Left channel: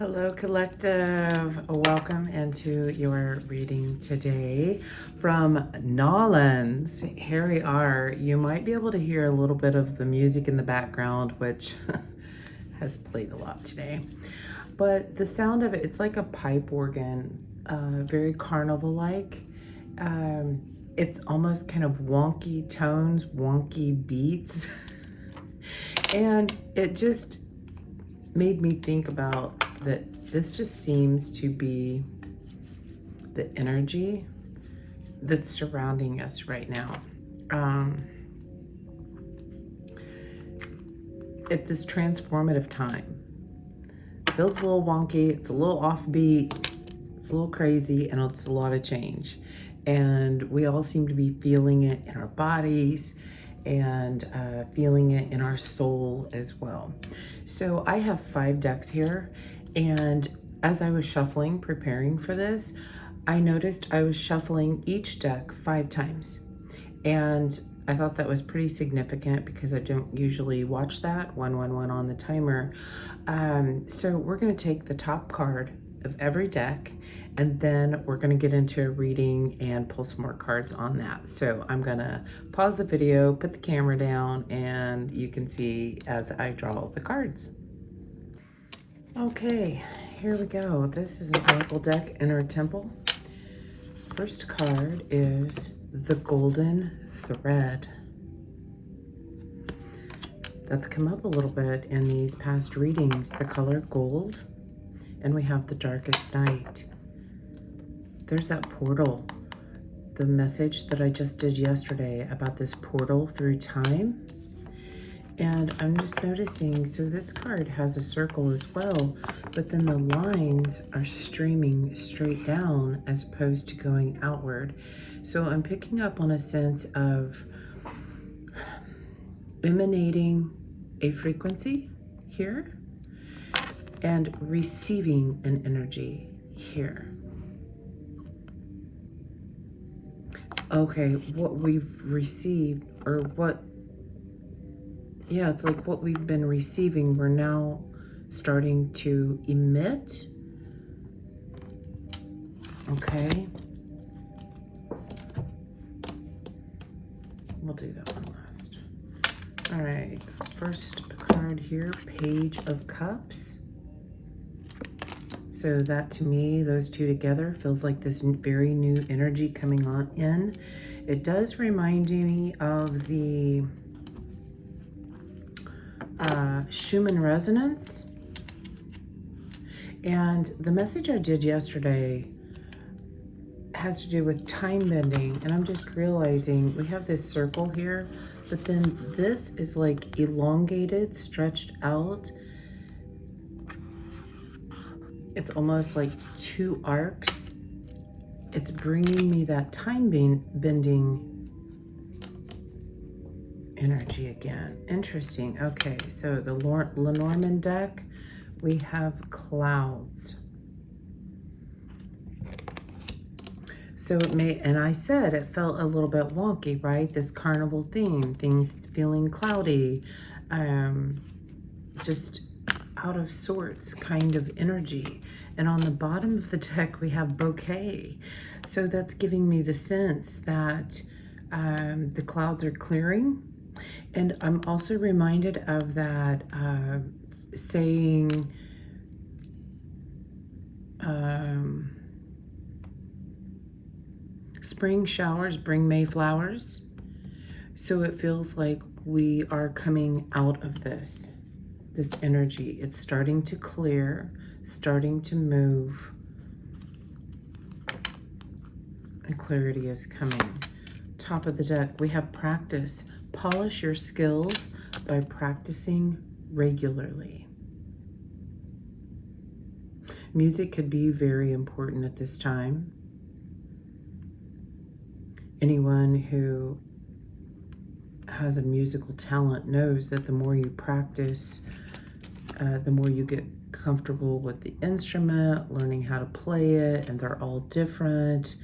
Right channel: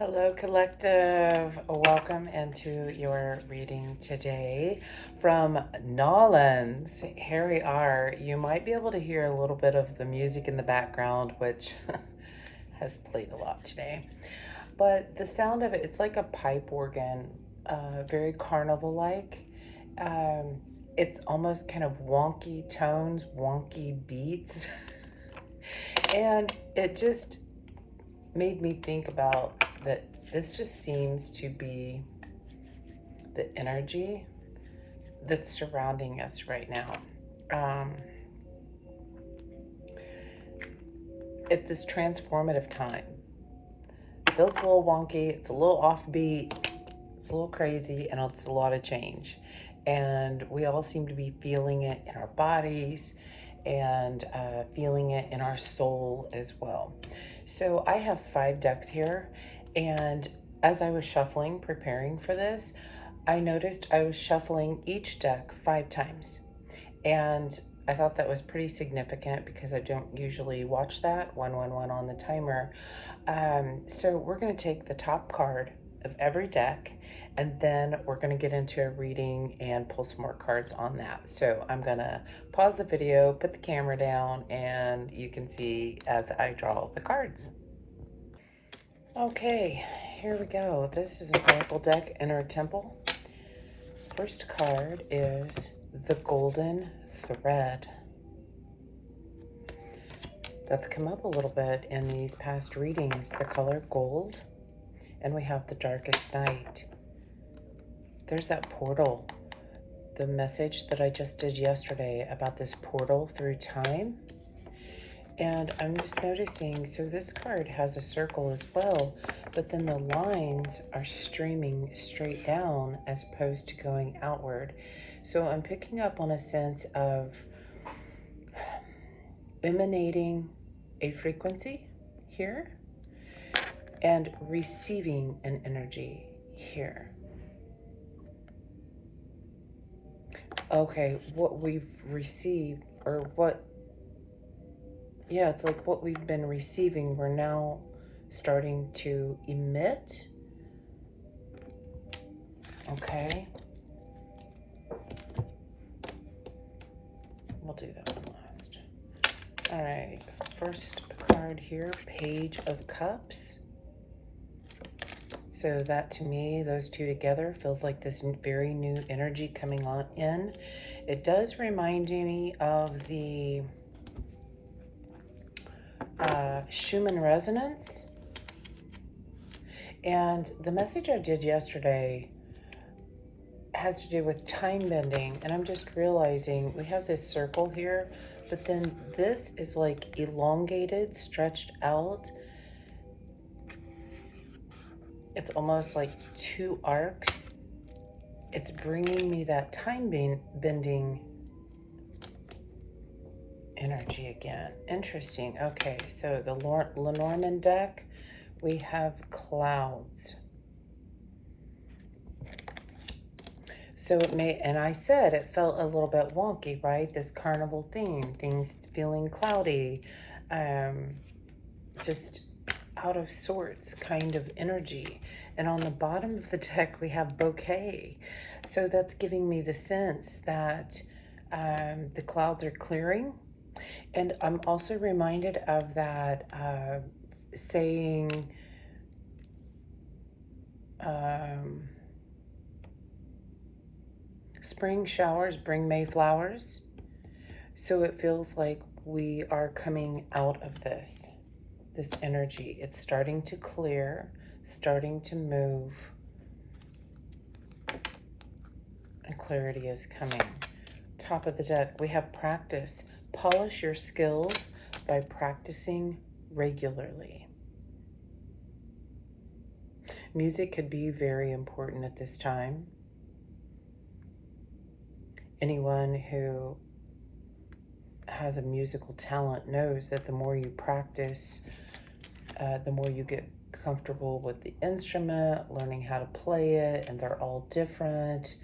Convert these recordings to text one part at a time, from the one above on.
Hello, collective. Welcome into your reading today from Nolans. Here we are. You might be able to hear a little bit of the music in the background, which has played a lot today. But the sound of it, it's like a pipe organ, very carnival-like. It's almost kind of wonky tones, wonky beats. And it just made me think about that this just seems to be the energy that's surrounding us right now. At this transformative time. It feels a little wonky, it's a little offbeat, it's a little crazy, and it's a lot of change. And we all seem to be feeling it in our bodies and feeling it in our soul as well. So I have 5 decks here, and as I was shuffling, preparing for this, I noticed I was shuffling each deck 5 times. And I thought that was pretty significant because I don't usually watch that, 111 on the timer. So we're gonna take the top card of every deck, and then we're gonna get into a reading and pull some more cards on that. So I'm gonna pause the video, put the camera down, and you can see as I draw the cards. Okay, here we go. This is an Oracle deck, Inner Temple. First card is the Golden Thread. That's come up a little bit in these past readings, the color gold, and we have the Darkest Night. There's that portal, the message that I just did yesterday about this portal through time. And I'm just noticing, so this card has a circle as well, but then the lines are streaming straight down as opposed to going outward. So I'm picking up on a sense of emanating a frequency here and receiving an energy here. Okay, what we've received, or what, yeah, it's like what we've been receiving, we're now starting to emit. Okay. We'll do that one last. All right, first card here, Page of Cups. So that to me, those two together feels like this very new energy coming on in. It does remind me of the Schumann resonance. And the message I did yesterday has to do with time bending, and I'm just realizing we have this circle here, but then this is like elongated, stretched out. It's almost like 2 arcs. It's bringing me that time bending energy again. Interesting. Okay, so the Lenormand deck, we have clouds. So it may, and I said it felt a little bit wonky, right? This carnival theme, things feeling cloudy, just out of sorts kind of energy. And on the bottom of the deck, we have bouquet. So that's giving me the sense that the clouds are clearing. And I'm also reminded of that saying, spring showers bring May flowers. So it feels like we are coming out of this energy. It's starting to clear, starting to move, and clarity is coming. Top of the deck, we have practice. Polish your skills by practicing regularly. Music could be very important at this time. Anyone who has a musical talent knows that the more you practice, the more you get comfortable with the instrument, learning how to play it, and they're all different.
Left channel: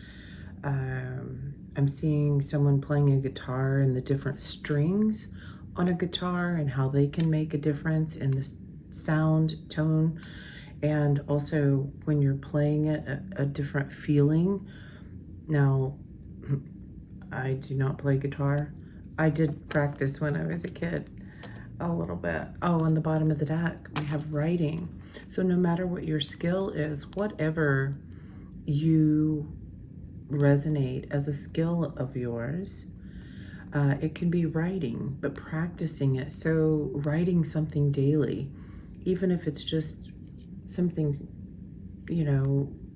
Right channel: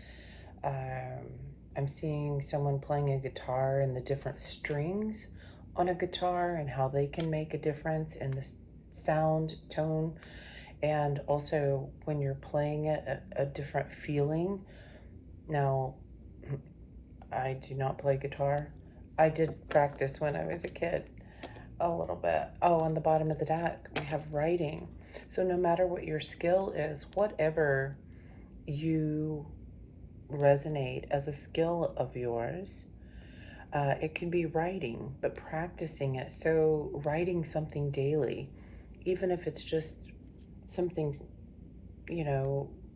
I'm seeing someone playing a guitar and the different strings on a guitar and how they can make a difference in the sound, tone, And also when you're playing it, a different feeling. Now, I do not play guitar. I did practice when I was a kid a little bit. Oh, on the bottom of the deck, we have writing. So no matter what your skill is, whatever you resonate as a skill of yours, it can be writing, but practicing it. So writing something daily, even if it's just something,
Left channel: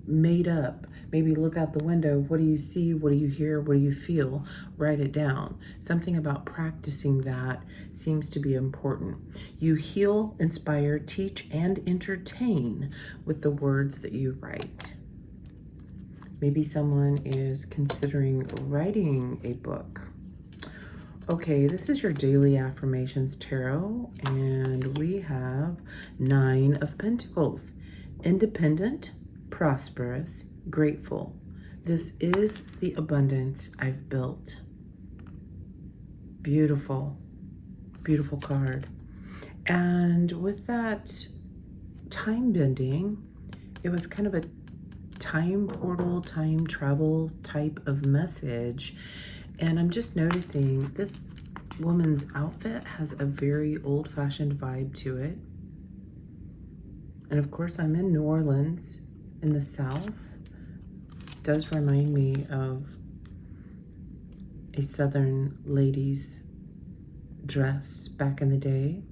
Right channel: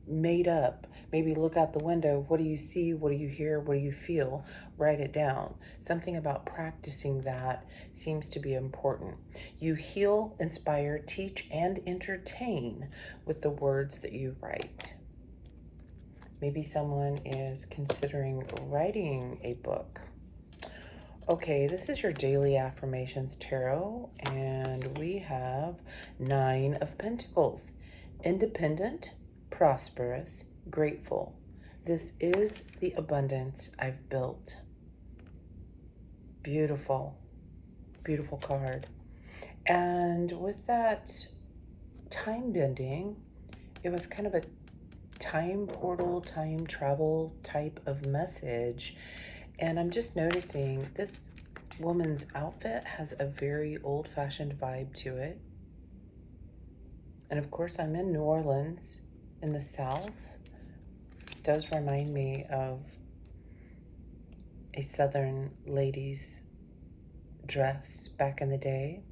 made up. Maybe look out the window. What do you see? What do you hear? What do you feel? Write it down. Something about practicing that seems to be important. You heal, inspire, teach, and entertain with the words that you write. Maybe someone is considering writing a book. Okay, this is your daily affirmations tarot, and we have 9 of Pentacles. Independent, prosperous, grateful. This is the abundance I've built. Beautiful, beautiful card. And with that time bending, it was kind of a time portal, time travel type of message. And I'm just noticing this woman's outfit has a very old-fashioned vibe to it. And of course, I'm in New Orleans in the South. It does remind me of a Southern lady's dress back in the day.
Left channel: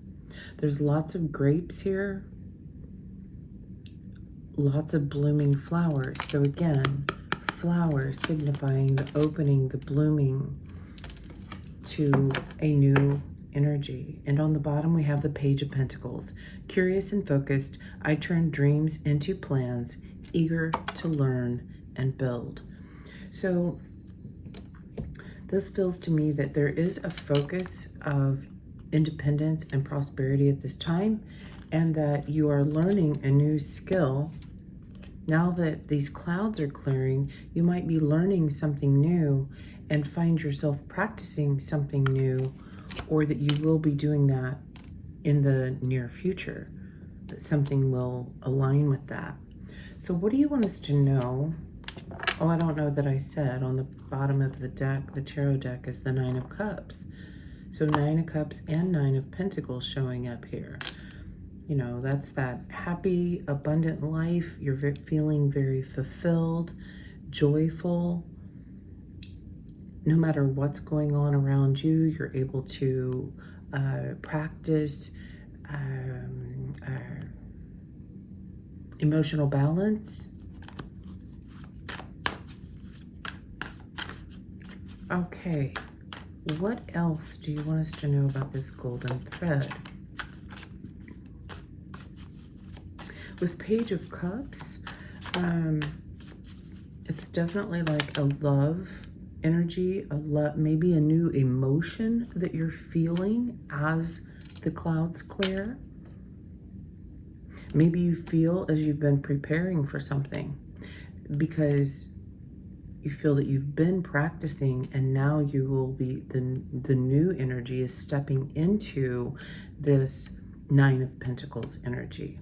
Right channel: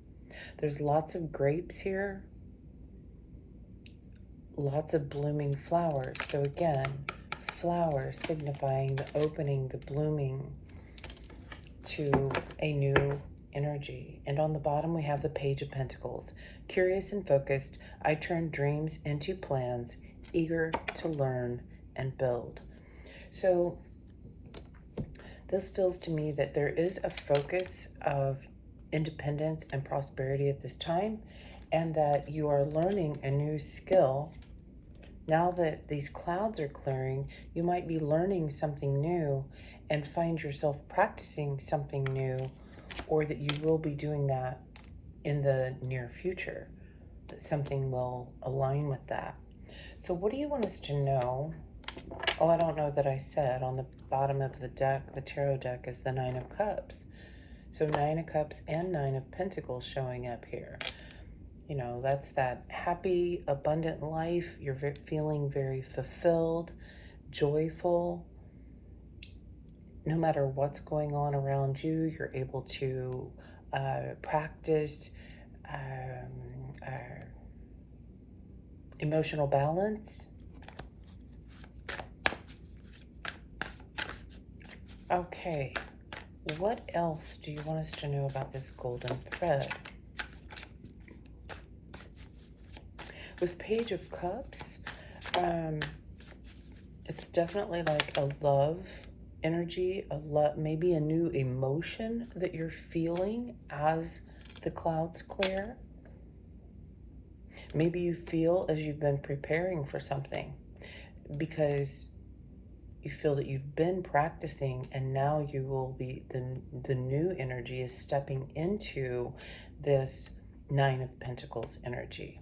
There's lots of grapes here. Lots of blooming flowers. So again, flowers signifying the opening, the blooming to a new energy. And on the bottom, we have the Page of Pentacles. Curious and focused, I turn dreams into plans, eager to learn and build. So this feels to me that there is a focus of independence and prosperity at this time, and that you are learning a new skill. Now that these clouds are clearing, you might be learning something new and find yourself practicing something new, or that you will be doing that in the near future, that something will align with that. So what do you want us to know? Oh, I don't know that I said on the bottom of the deck, the tarot deck is the 9 of Cups. So 9 of Cups and 9 of Pentacles showing up here. You know, that's that happy, abundant life. You're feeling very fulfilled, joyful. No matter what's going on around you, you're able to practice emotional balance. Okay, what else do you want us to know about this golden thread? With Page of Cups, it's definitely like a love energy, maybe a new emotion that you're feeling as the clouds clear. Maybe you feel as you've been preparing for something because you feel that you've been practicing, and now you will be, the new energy is stepping into this 9 of Pentacles energy.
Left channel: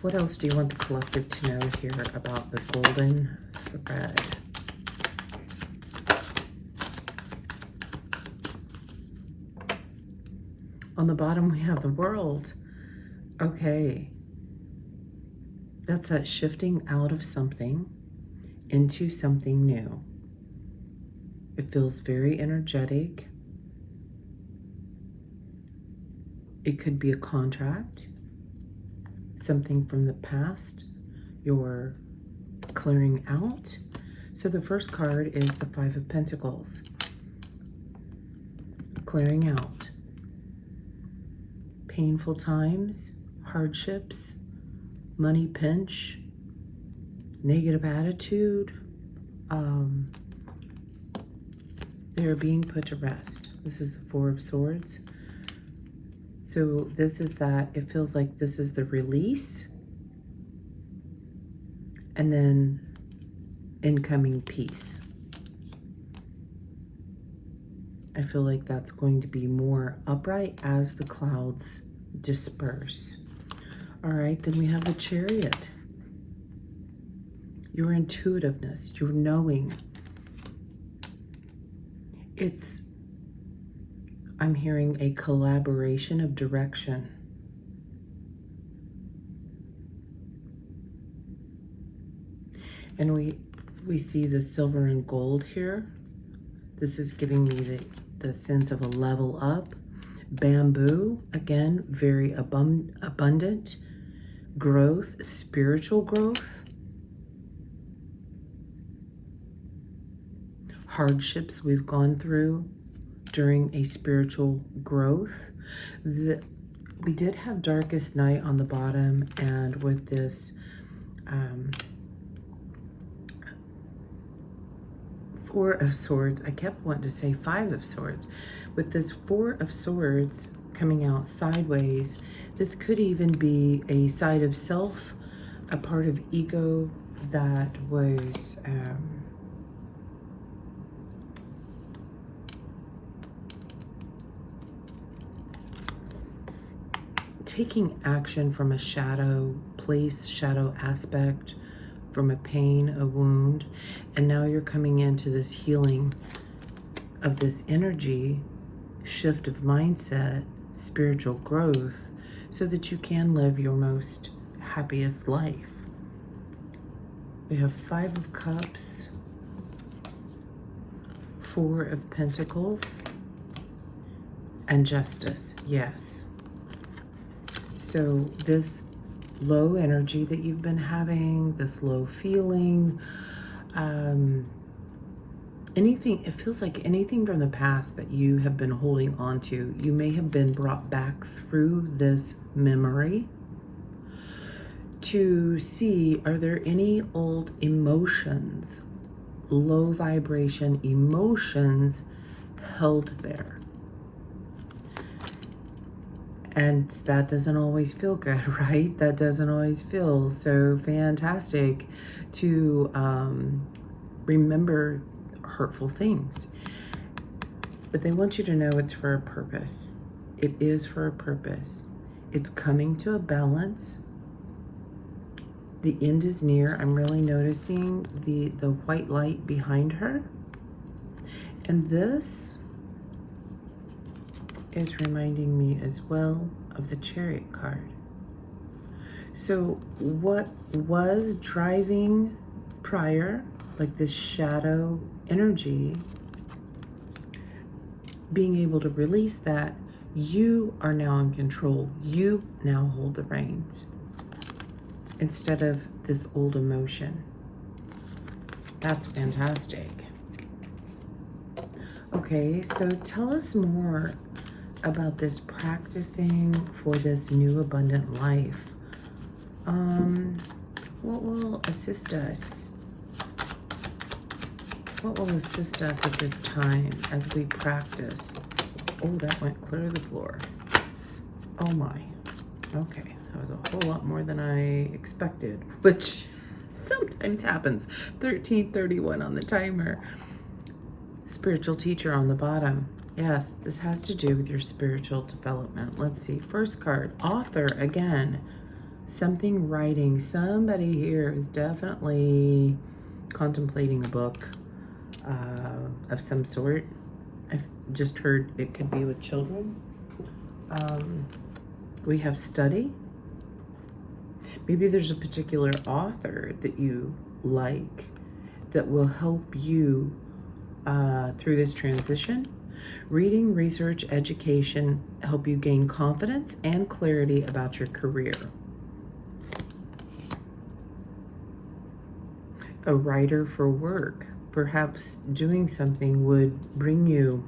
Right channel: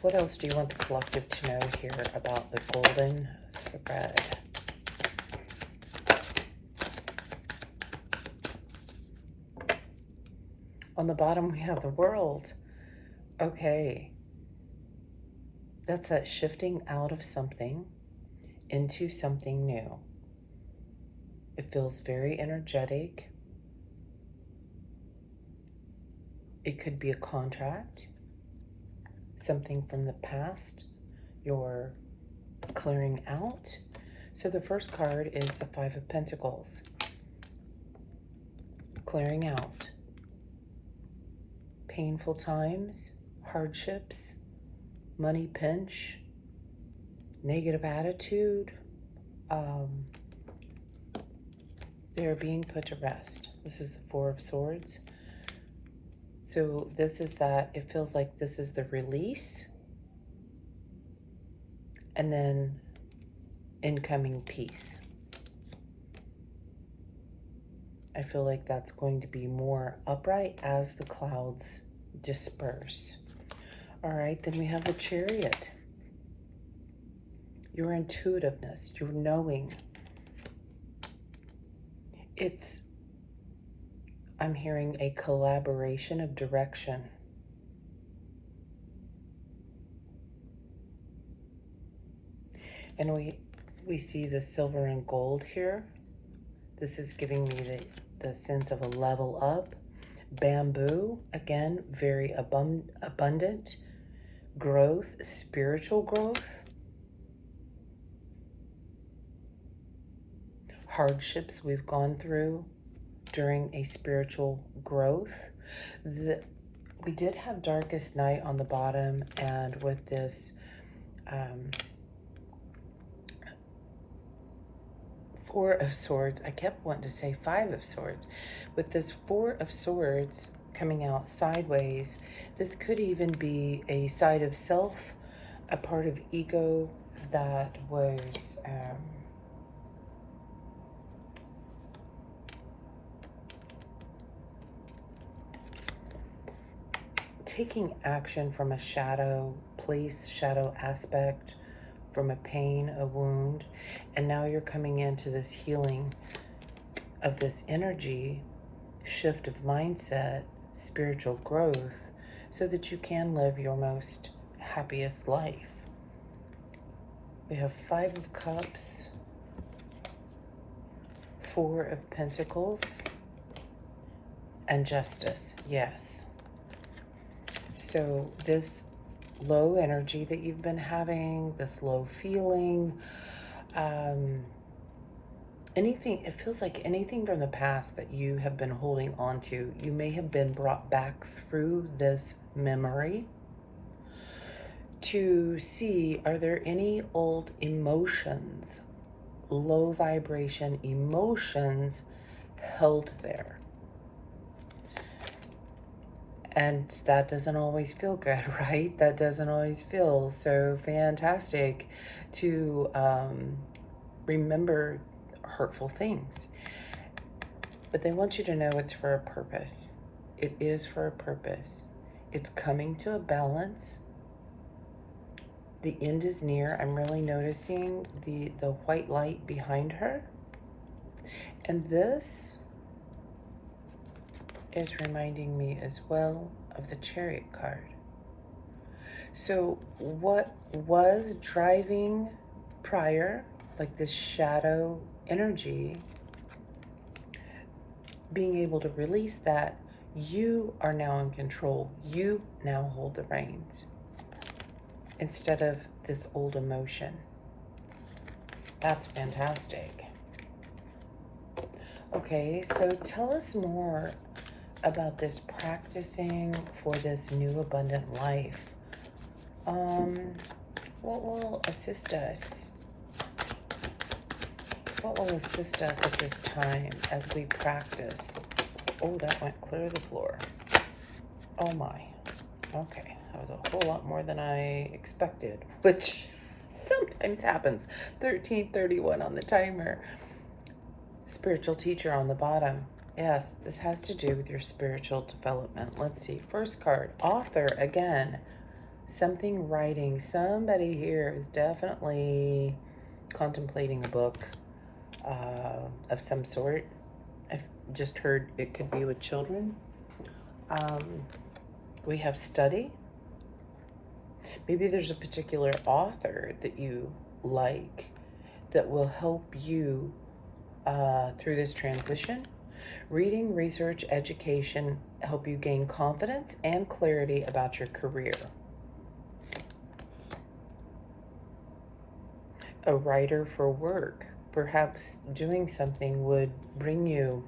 What else do you want the collective to know here about the golden thread? On the bottom, we have the World. Okay. That's that shifting out of something into something new. It feels very energetic. It could be a contract, something from the past you're clearing out. So the first card is the 5 of Pentacles. Clearing out. Painful times, hardships, money pinch, negative attitude. They're being put to rest. This is the 4 of Swords. So this is that, it feels like this is the release, and then incoming peace. I feel like that's going to be more upright as the clouds disperse. All right, then we have the Chariot. Your intuitiveness, your knowing. I'm hearing a collaboration of direction. And we see the silver and gold here. This is giving me the sense of a level up. Bamboo, again, very abundant. Growth, spiritual growth. Hardships we've gone through during a spiritual growth. We did have Darkest Night on the bottom, and with this Four of Swords, I kept wanting to say Five of Swords. With this Four of Swords coming out sideways, this could even be a side of self, a part of ego that was taking action from a shadow place, shadow aspect, from a pain, a wound, and now you're coming into this healing of this energy, shift of mindset, spiritual growth, so that you can live your most happiest life. We have Five of Cups, Four of Pentacles, and Justice. Yes. So this low energy that you've been having, this low feeling, anything, it feels like anything from the past that you have been holding on to, you may have been brought back through this memory to see, are there any old emotions, low vibration emotions held there? And that doesn't always feel good, right? That doesn't always feel so fantastic to remember hurtful things. But they want you to know it's for a purpose. It is for a purpose. It's coming to a balance. The end is near. I'm really noticing the white light behind her. And this is reminding me as well of the Chariot card. So what was driving prior, like this shadow energy, being able to release that, you are now in control. You now hold the reins instead of this old emotion. That's fantastic. Okay, so tell us more about this practicing for this new abundant life. What will assist us? What will assist us at this time as we practice? Oh, that went clear of the floor. Oh my. Okay, that was a whole lot more than I expected, which sometimes happens. 13:31 on the timer. Spiritual teacher on the bottom. Yes, this has to do with your spiritual development. Let's see. First card, author again. Something writing. Somebody here is definitely contemplating a book of some sort. I've just heard it could be with children. We have study. Maybe there's a particular author that you like that will help you through this transition. Reading, research, education help you gain confidence and clarity about your career. A writer for work, perhaps doing something would bring you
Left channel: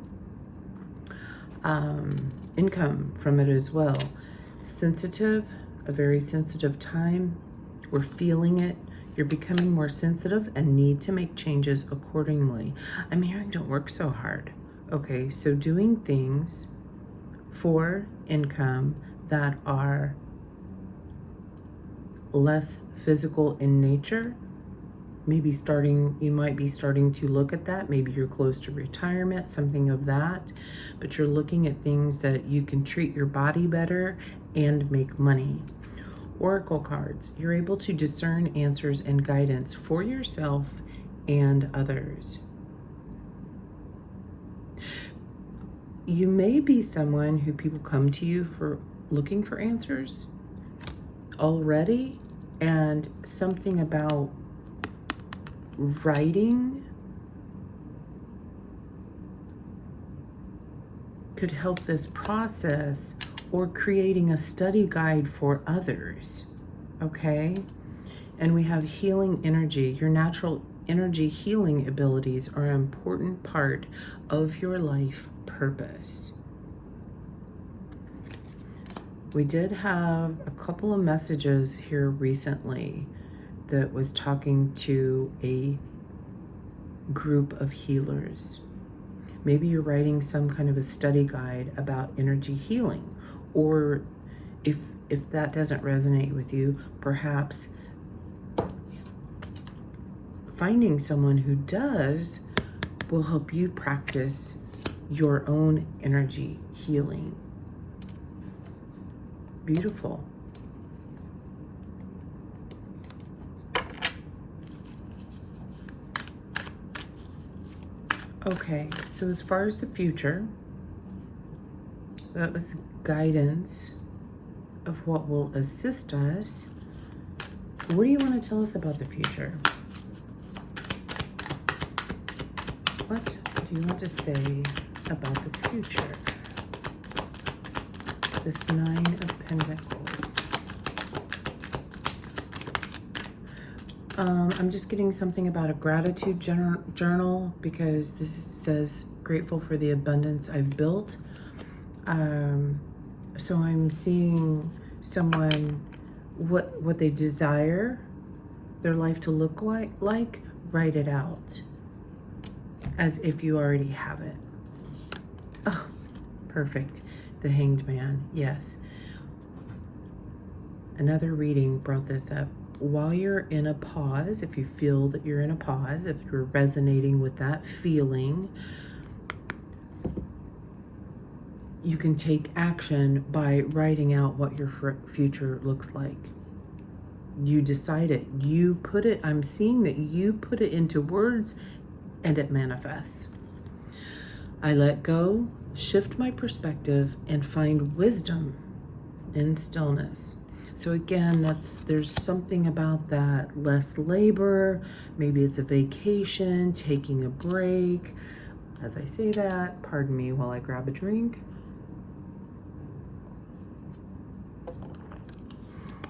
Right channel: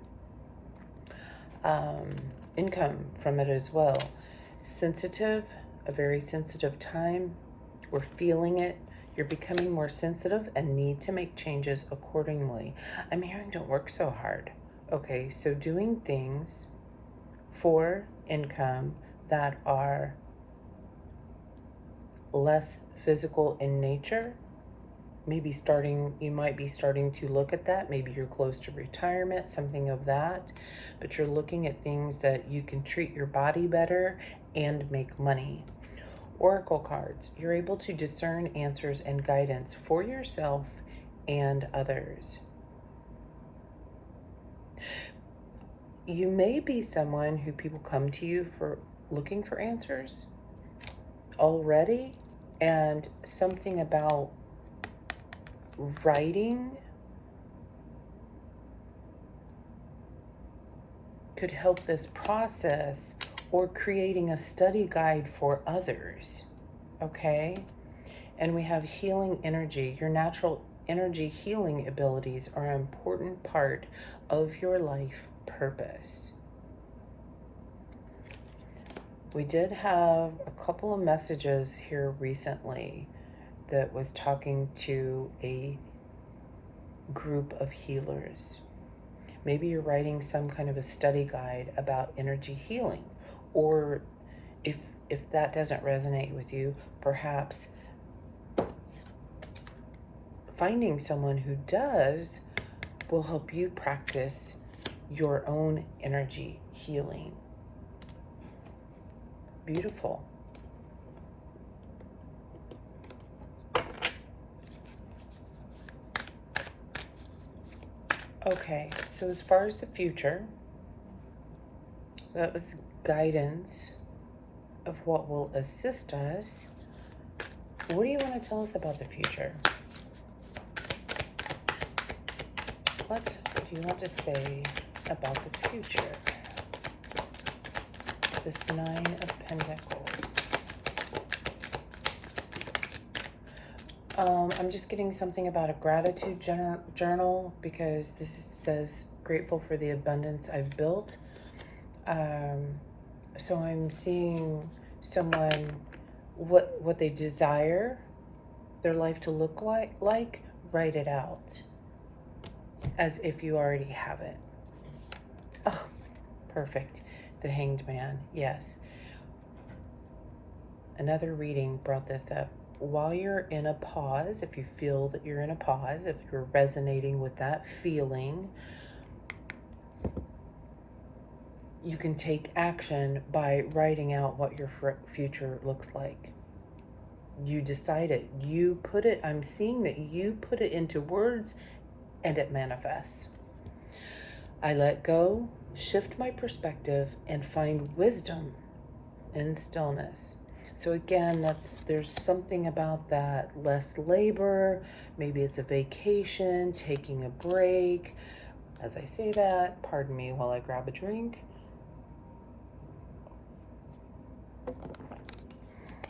income from it as well. Sensitive, a very sensitive time. We're feeling it. You're becoming more sensitive and need to make changes accordingly. I'm hearing don't work so hard. Okay, so doing things for income that are less physical in nature, you might be starting to look at that. Maybe you're close to retirement, something of that, but you're looking at things that you can treat your body better and make money. Oracle cards. You're able to discern answers and guidance for yourself and others. You may be someone who people come to you for looking for answers already, and something about writing could help this process, or creating a study guide for others, okay? And we have healing energy. Your natural energy healing abilities are an important part of your life purpose. We did have a couple of messages here recently that was talking to a group of healers. Maybe you're writing some kind of a study guide about energy healing, or if that doesn't resonate with you, perhaps finding someone who does will help you practice your own energy healing. Beautiful. Okay, so as far as the future, that was guidance of what will assist us. What do you want to tell us about the future? What do you want to say about the future? This Nine of Pentacles. I'm just getting something about a gratitude journal, because this says grateful for the abundance I've built. So I'm seeing someone, what they desire their life to look like, write it out as if you already have it. Oh, perfect. The Hanged Man, yes. Another reading brought this up. While you're in a pause, if you feel that you're in a pause, if you're resonating with that feeling, you can take action by writing out what your future looks like. You decide it. You put it, I'm seeing that you put it into words and it manifests. I let go, shift my perspective, and find wisdom in stillness. So again, there's something about that. Less labor, maybe it's a vacation, taking a break. As I say that, pardon me while I grab a drink.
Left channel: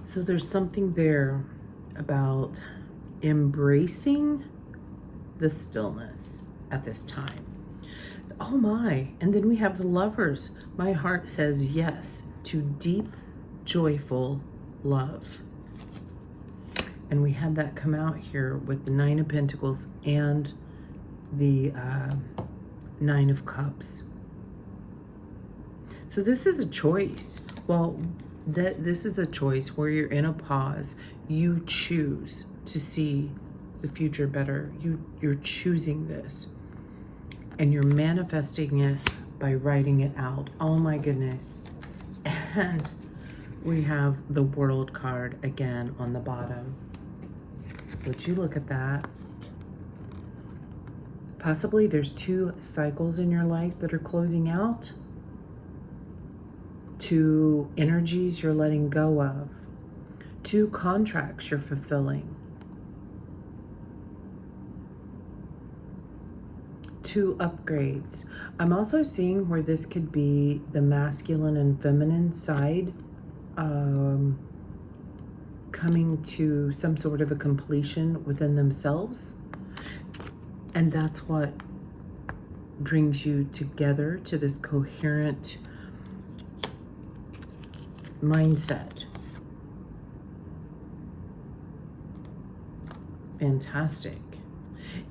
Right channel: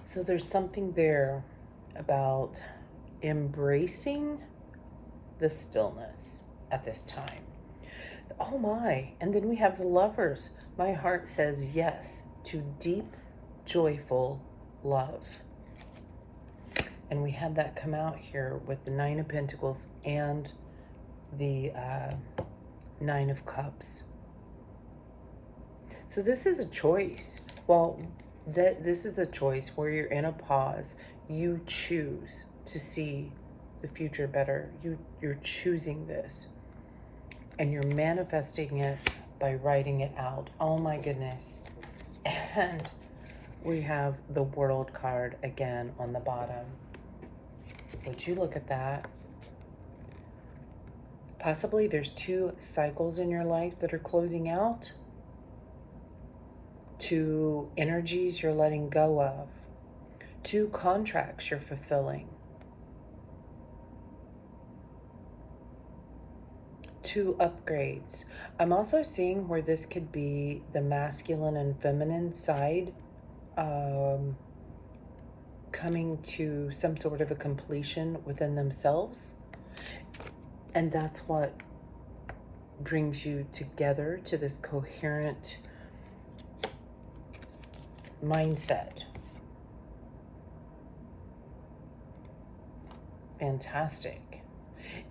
So there's something there about embracing the stillness at this time. Oh my, and then we have the Lovers. My heart says yes to deep, joyful love. And we had that come out here with the Nine of Pentacles and the Nine of Cups. So this is a choice. Well, this is the choice where you're in a pause. You choose to see the future better. You're choosing this. And you're manifesting it by writing it out. Oh my goodness. And we have the World card again on the bottom. Would you look at that? Possibly there's 2 cycles in your life that are closing out. 2 energies you're letting go of. 2 contracts you're fulfilling. 2 upgrades. I'm also seeing where this could be the masculine and feminine side coming to some sort of a completion within themselves. And that's what brings you together to this coherent mindset. Fantastic.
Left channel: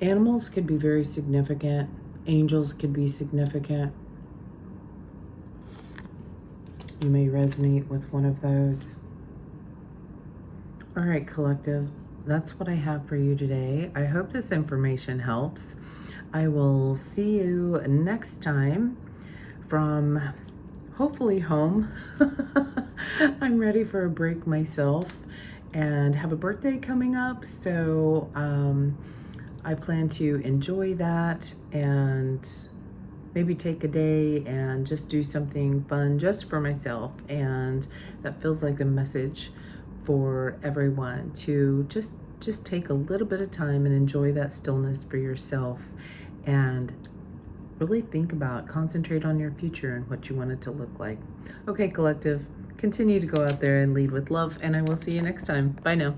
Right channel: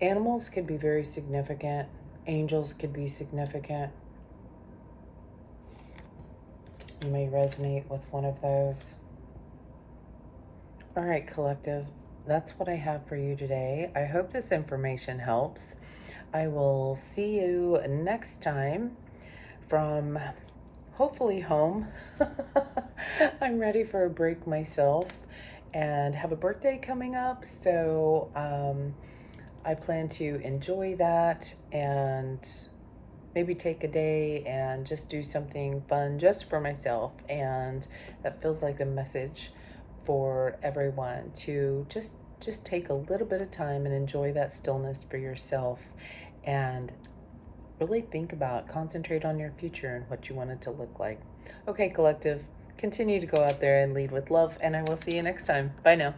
Animals could be very significant. Angels could be significant. You may resonate with one of those. All right, collective, that's what I have for you today. I hope this information helps. I will see you next time from hopefully home. I'm ready for a break myself and have a birthday coming up. So I plan to enjoy that and maybe take a day and just do something fun just for myself. And that feels like a message for everyone to just take a little bit of time and enjoy that stillness for yourself and really think about, concentrate on your future and what you want it to look like. Okay, collective, continue to go out there and lead with love, and I will see you next time. Bye now.